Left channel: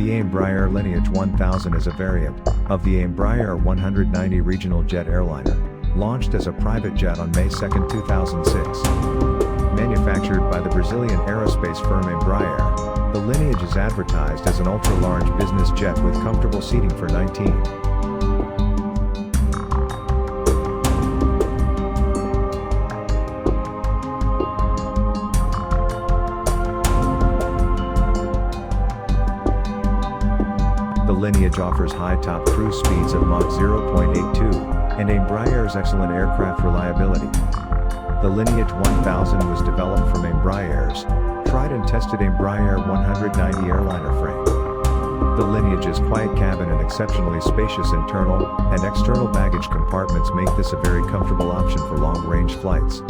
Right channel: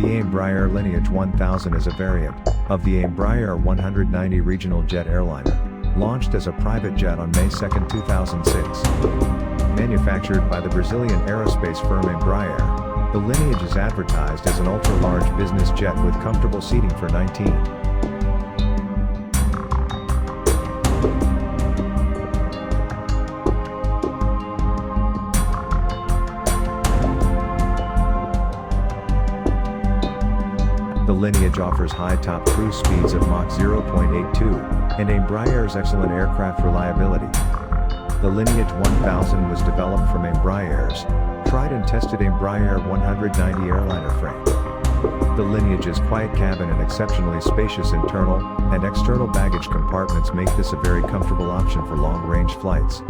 The Embraer Lineage 1000 is a variant of the Embraer 190 regional jet airliner, launched as a private jet on May 2, 2006. Manufactured by the Brazilian aerospace firm Embraer, the Lineage is advertised as an ultra-large business jet with comfortable seating for 19. The Lineage offers high top cruise speeds of Mach 0.82, and Embraer's excellent aircraft reliability. The Lineage 1000 was developed from Embraer's tried and tested Embraer 190 airliner frame. The Lineage's quiet cabin and exceptionally spacious internal and external baggage compartments make this a very comfortable option for long-range flights.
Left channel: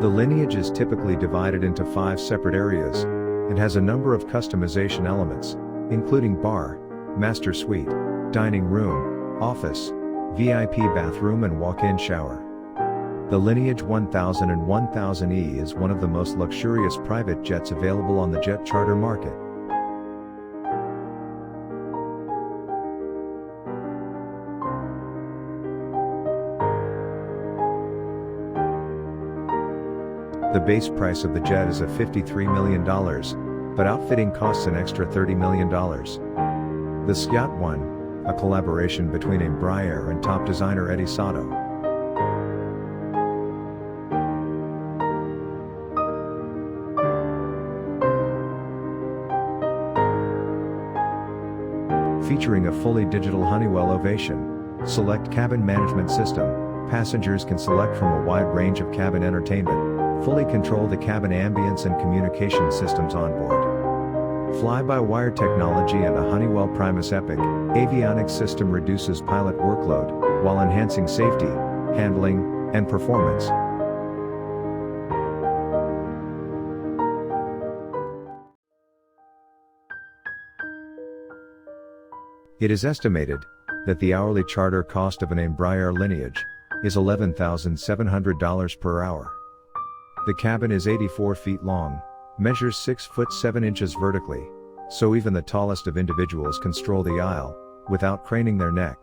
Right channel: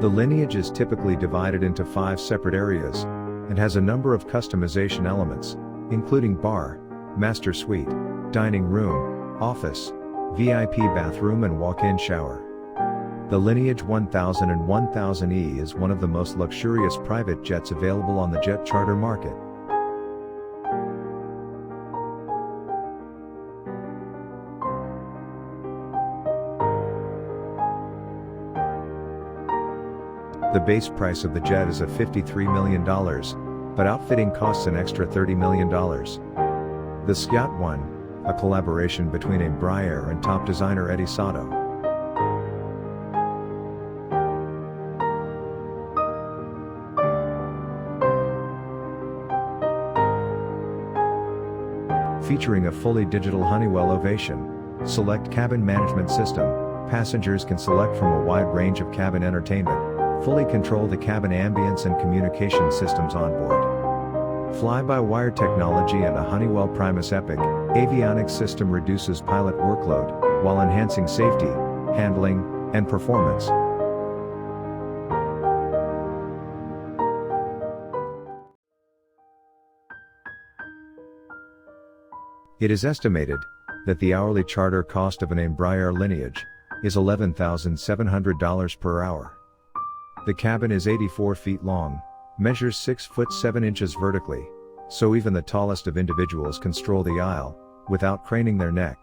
The Lineage is typically divided into 5 separate areas, and has a number of customization elements, including bar, master suite, dining room, office, VIP bathroom and walk-in shower. The Lineage 1000 and 1000E is one of the most luxurious private jets available on the jet charter market. The base price of the jet is $53 million, but outfitting costs an extra $30 million. The Skyyacht 1, a collaboration between Embraer and top designer Eddie Sato. Featuring a fully digital Honeywell Ovation Select cabin management system, passengers can select from a wide range of cabin entertainment, fully control the cabin ambience and communication systems on board. Fly-by-wire technology and a Honeywell Primus Epic avionics system reduces pilot workload, while enhancing safety, handling, and performance. It is estimated that the hourly charter cost of an Embraer Lineage is $11,700 per hour. The cabin is 84 feet long, measures 6 foot 7 inches vertically, so even the tallest of individuals can stroll the aisle, without craning their neck.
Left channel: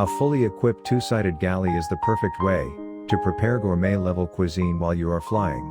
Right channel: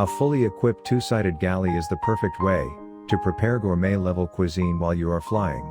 A fully equipped two-sided galley is the perfect way to prepare gourmet-level cuisine while you are flying.